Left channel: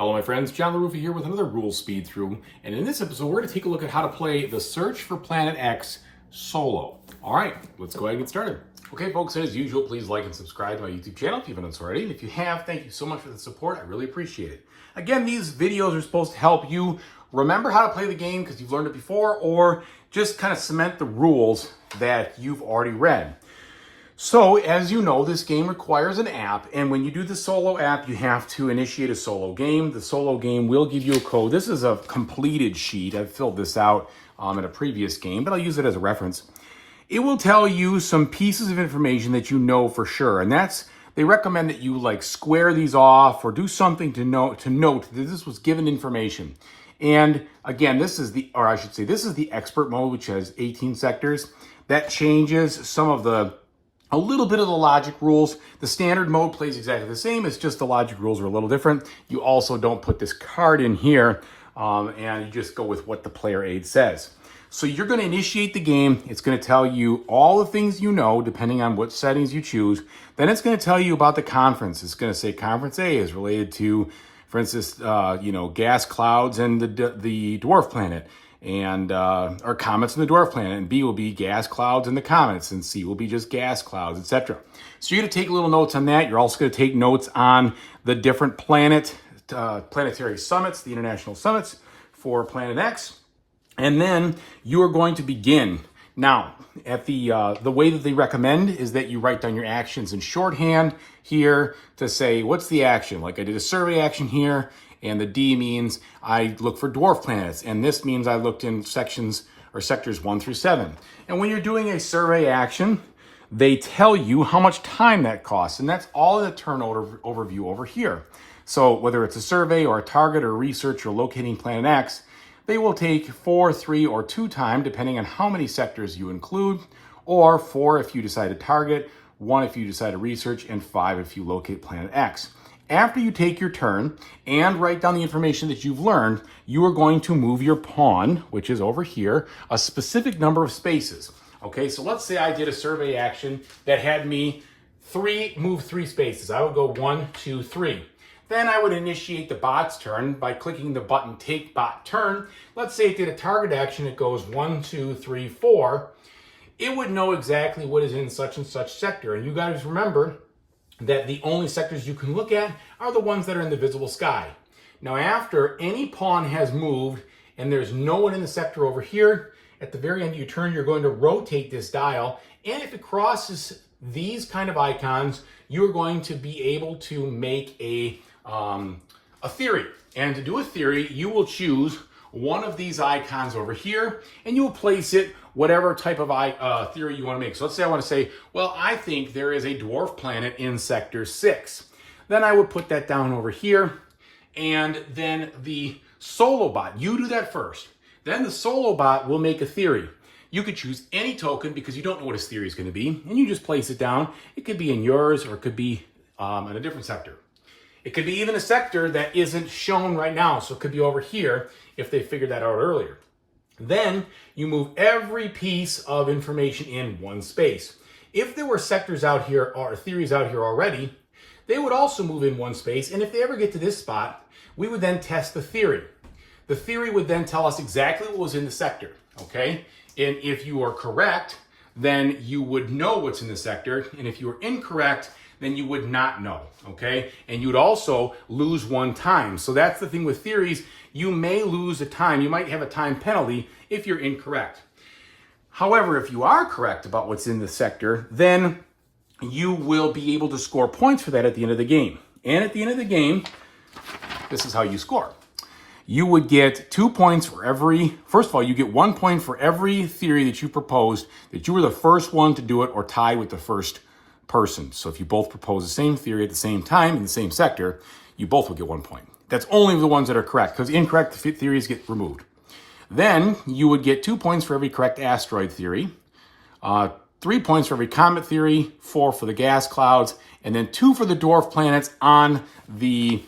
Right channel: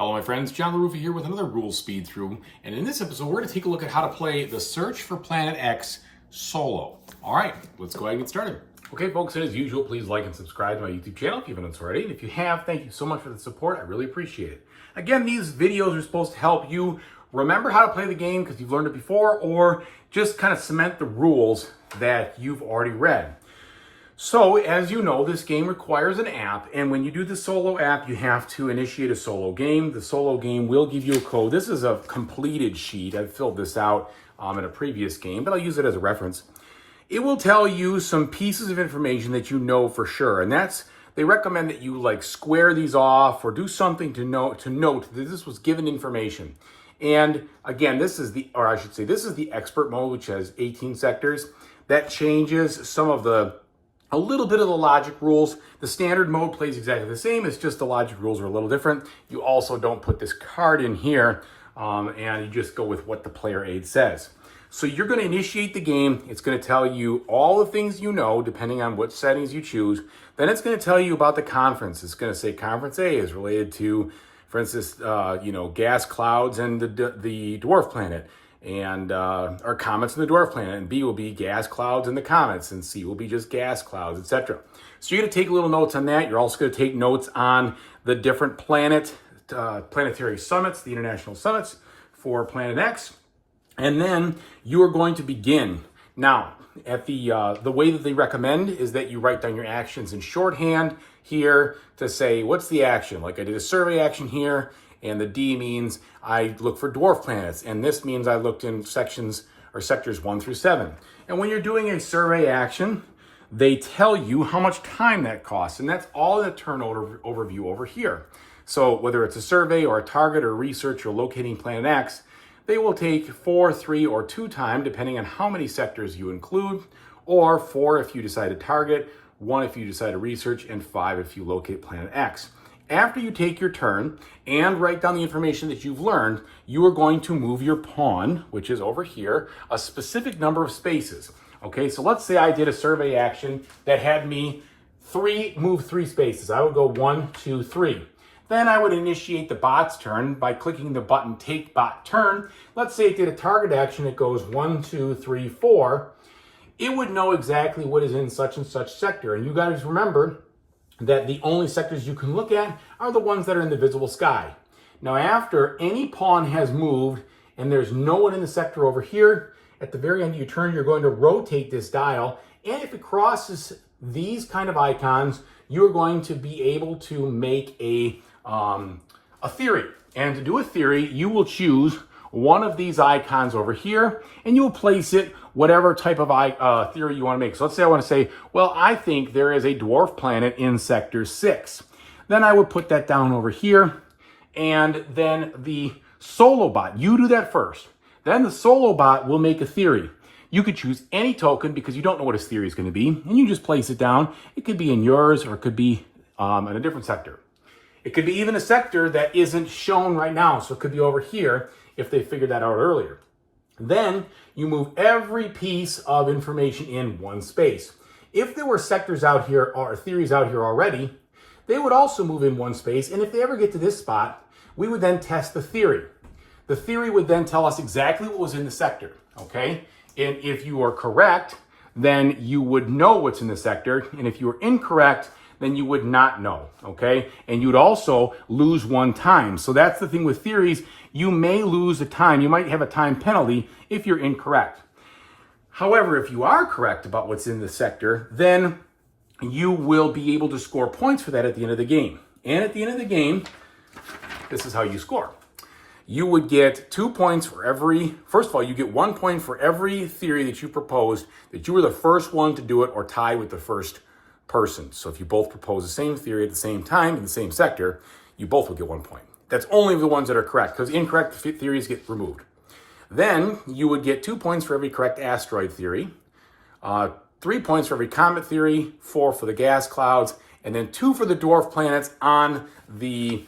Hello my friends, John LaRuffa here with another rules speed through, and in this episode we're going to take a look at how to play the Search for Planet X solo. Alright, let's go ahead and get started. Okay folks, as usual, please like and subscribe to my YouTube channel if you haven't done so already, and if you have, thank you so much for the support, I really appreciate it. Again, these videos are supposed to help you remember how to play the game because you've learned it before, or just kind of cement the rules that you've already read. So, as you know, this game requires an app, and when you do the solo app, you have to initiate a solo game. The solo game will give you a code. This is a completed sheet. I filled this out in a previous game, but I'll use it as a reference. It will tell you some pieces of information that you know for sure, and they recommend that you like square these off or do something to note that this was given information. And again, this is the expert mode, which has 18 sectors. That changes some of a little bit of the logic rules. The standard mode plays exactly the same, it's just the logic rules are a little different. You also don't put this card in here, and you just go with what the player aid says. So you're gonna initiate the game. It's gonna tell you all the things you know, depending on what settings you choose. Then it's gonna tell you about the conference. It's gonna say conference A is related to, for instance, gas clouds and the dwarf planet. And or comets in the dwarf planet, and B will be gas clouds and the comets, and C will be just gas clouds, etc. So you're going to take little notes on that. You're also going to take notes on the different planetary summits, the international summits for Planet X, and then you are going to begin. Now, at the way that they recommend is that you write down your actions in shorthand here to say what's the action. Like I did a survey action here. And the D means I look for dwarf planets. And this means I looked in sections or sectors 1 through 7. And when you're doing a survey action, they tell you how much time that costs. And that's all in the turn overview over here. So whether it's a survey or a target or research or locating Planet X, they will take 4, 3, or 2 time, depending on how many sectors you include, or 4 if you decide to target, 1 if you decide to research, and 5 if you locate Planet X. After you take your turn and write down the information that you've learned, you are going to move your pawn, which is over here, a specific number of spaces. Okay, so let's say I did a survey action that had me move 3 spaces. I would go 1, 2, 3. Then I would initiate the bot's turn by clicking the button Take Bot Turn. Let's say it did a target action, it goes 1, 2, 3, 4. It would know exactly what is in such and such sector. And you guys remember that the only sectors you can look at are the ones that are in the visible sky. Now after any pawn has moved and there's no one in the sector over here, at the very end of your turn you're going to rotate this dial, and if it crosses these kind of icons, you're going to be able to make a theory. And to do a theory, you will choose one of these icons over here, and you will place it whatever type of theory you want to make. So let's say I want to say, well, I think there is a dwarf planet in sector 6. Then I would put that down over here, and then the solo bot, you do that first. Then the solo bot will make a theory. You could choose any token because you don't know what his theory is going to be, and you just place it down. It could be in yours, or it could be in a different sector. It could be even a sector that isn't shown right now, so it could be over here if they figured that out earlier. Then you move every piece of information in one space. If there were sectors out here or theories out here already, they would also move in one space, and if they ever get to this spot, we would then test the theory. The theory would then tell us exactly what was in the sector, okay? And if you are correct, then you would know what's in the sector, and if you were incorrect, then you would not know, okay? And you'd also lose 1 time. So that's the thing with theories. You may lose a time. You might have a time penalty if you're incorrect. However, if you are correct about what's in the sector, then you will be able to score points for that at the end of the game. And at the end of the game, this is how you score. You would get 2 points for first of all, you get 1 point for every theory that you proposed, that you were the first one to do it or tied with the first person. So if you both propose the same theory at the same time in the same sector, you both will get 1 point. That's only the ones that are correct, because incorrect theories get removed. Then you would get 2 points for every correct asteroid theory, 3 points for every comet theory, 4 for the gas clouds, and then 2 for the dwarf planets on the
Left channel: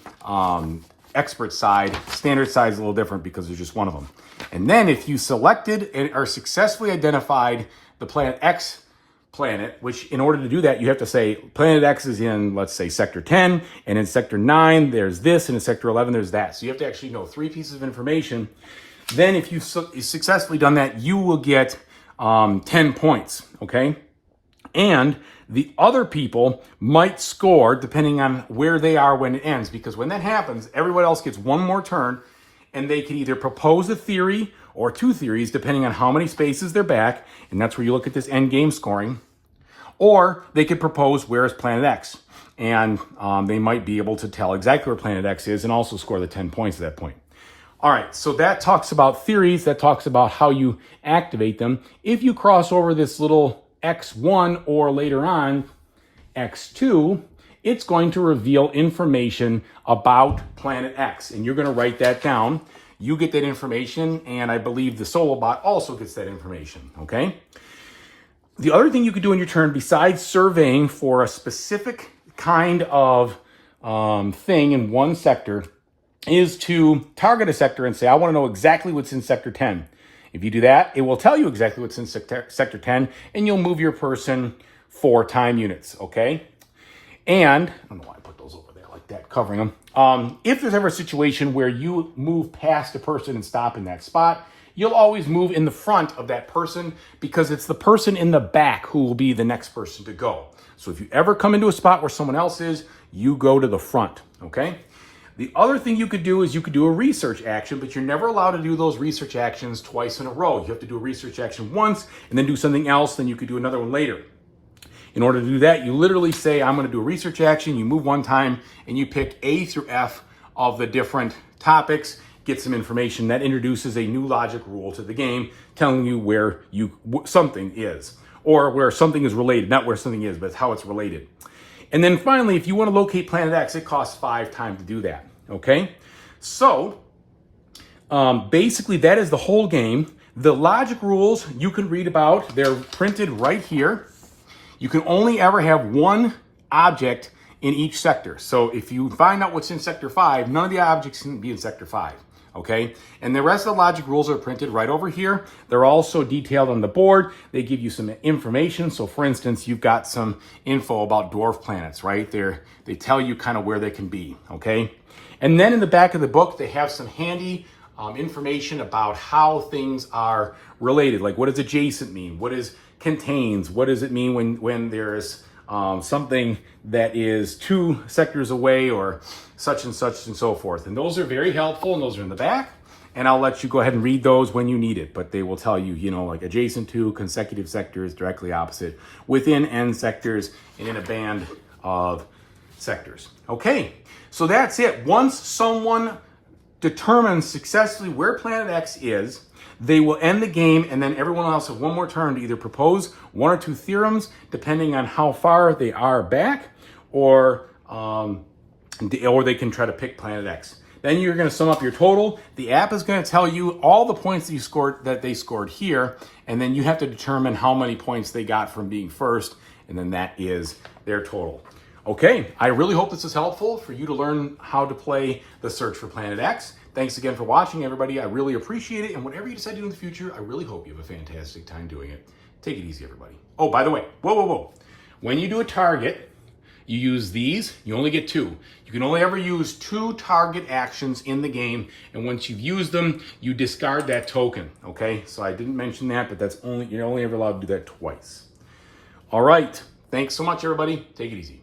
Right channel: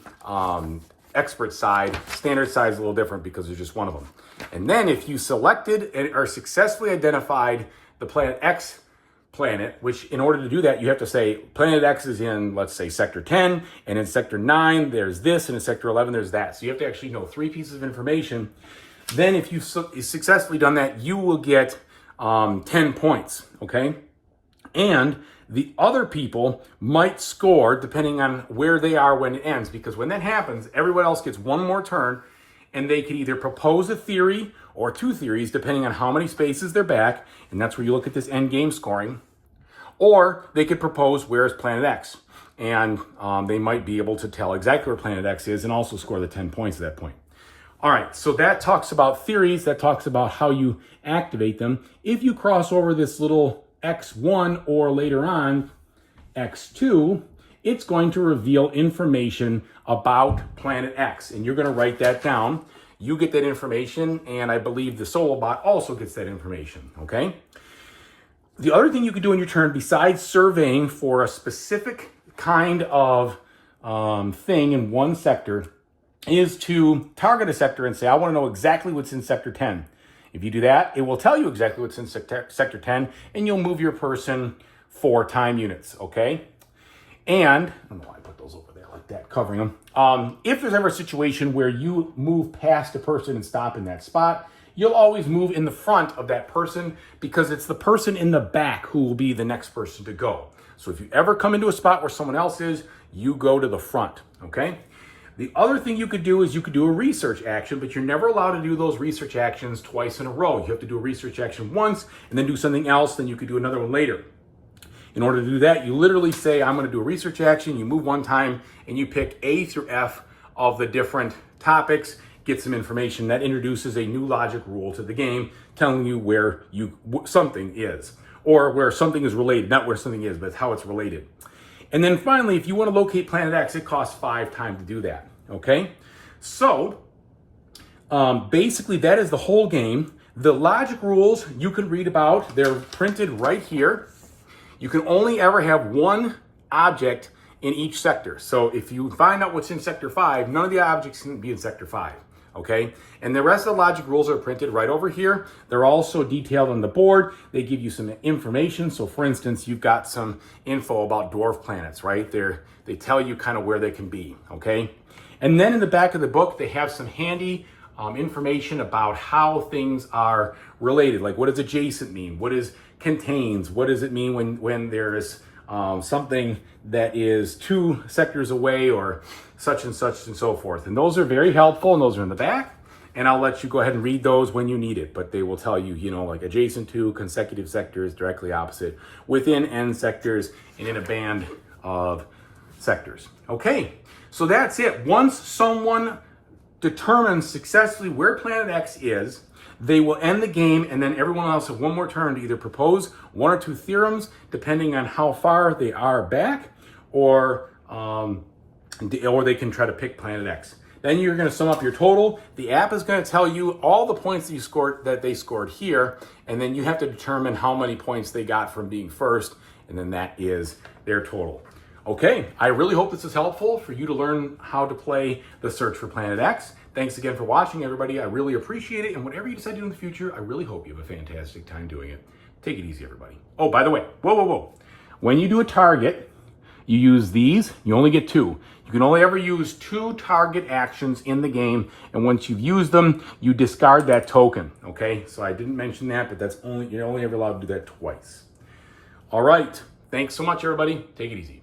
expert side. Standard side is a little different because there's just one of them. And then if you selected or successfully identified the Planet X planet, which in order to do that, you have to say planet X is in, let's say, sector 10, and in sector 9, there's this, and in sector 11, there's that. So you have to actually know 3 pieces of information. Then if you've successfully done that, you will get 10 points, okay? And the other people might score depending on where they are when it ends, because when that happens, everyone else gets one more turn, and they can either propose a theory or 2 theories, depending on how many spaces they're back, and that's where you look at this end game scoring, or they could propose where is planet X, and they might be able to tell exactly where planet X is and also score the 10 points at that point. All right, so that talks about theories, that talks about how you activate them. If you cross over this little X1 or later on X2, it's going to reveal information about planet X, and you're going to write that down. You get that information, and I believe the solo bot also gets that information, okay? The other thing you could do in your turn, besides surveying for a specific kind of thing in one sector, is to target a sector and say, I want to know exactly what's in sector 10. If you do that, it will tell you exactly what's in sector 10, and you'll move your person 4 time units, okay? And, I don't know why I put those over there like that, covering them. If there's ever a situation where you move past a person and stop in that spot, you'll always move in the front of that person, because it's the person in the back who will be the next person to go. So if you ever come into a spot where someone else is, you go to the front, okay? The other thing you could do is you could do a research action, but you're never allowed to do those research actions twice in a row. You have to do a research action once and then do something else, then you could do another one later. In order to do that, you literally say, I'm going to do a research action, you move 1 time, and you pick A through F of the different topics, get some information. That introduces a new logic rule to the game, telling you where something is, or where something is related, not where something is, but how it's related. And then finally, if you want to locate planet X, it costs 5 time to do that, okay? So, basically that is the whole game. The logic rules you can read about, they're printed right here. You can only ever have 1 object in each sector. So if you find out what's in sector 5, none of the objects can be in sector 5, okay? And the rest of the logic rules are printed right over here. They're also detailed on the board. They give you some information. So for instance, you've got some info about dwarf planets, right? They tell you kind of where they can be, okay? And then in the back of the book, they have some handy information about how things are related. Like, what does adjacent mean? What is contains? What does it mean when there's something that is 2 sectors away, or such and so forth? And those are very helpful, and those are in the back. And I'll let you go ahead and read those when you need it. But they will tell you, you know, like adjacent to, consecutive sectors, directly opposite, within end sectors, and in a band of sectors. Okay, so that's it. Once someone determines successfully where planet X is, they will end the game, and then everyone else have 1 more turn to either propose 1 or 2 theorems, depending on how far they are back, or they can try to pick planet X. Then you're going to sum up your total. The app is going to tell you all the points that you scored, that they scored here, and then you have to determine how many points they got from being first, and then that is their total. Okay, I really hope this is helpful for you to learn how to play the Search for Planet X. Thanks again for watching, everybody. I really appreciate it, and whatever you decide to do in the future, I really hope you have a fantastic time doing it. Take it easy, everybody. Oh, by the way, whoa. When you do a target, you use these. You only get 2. You can only ever use 2 target actions in the game, and once you've used them, you discard that token, okay? So I didn't mention that, but you're only ever allowed to do that twice. All right, thanks so much, everybody. Take it easy.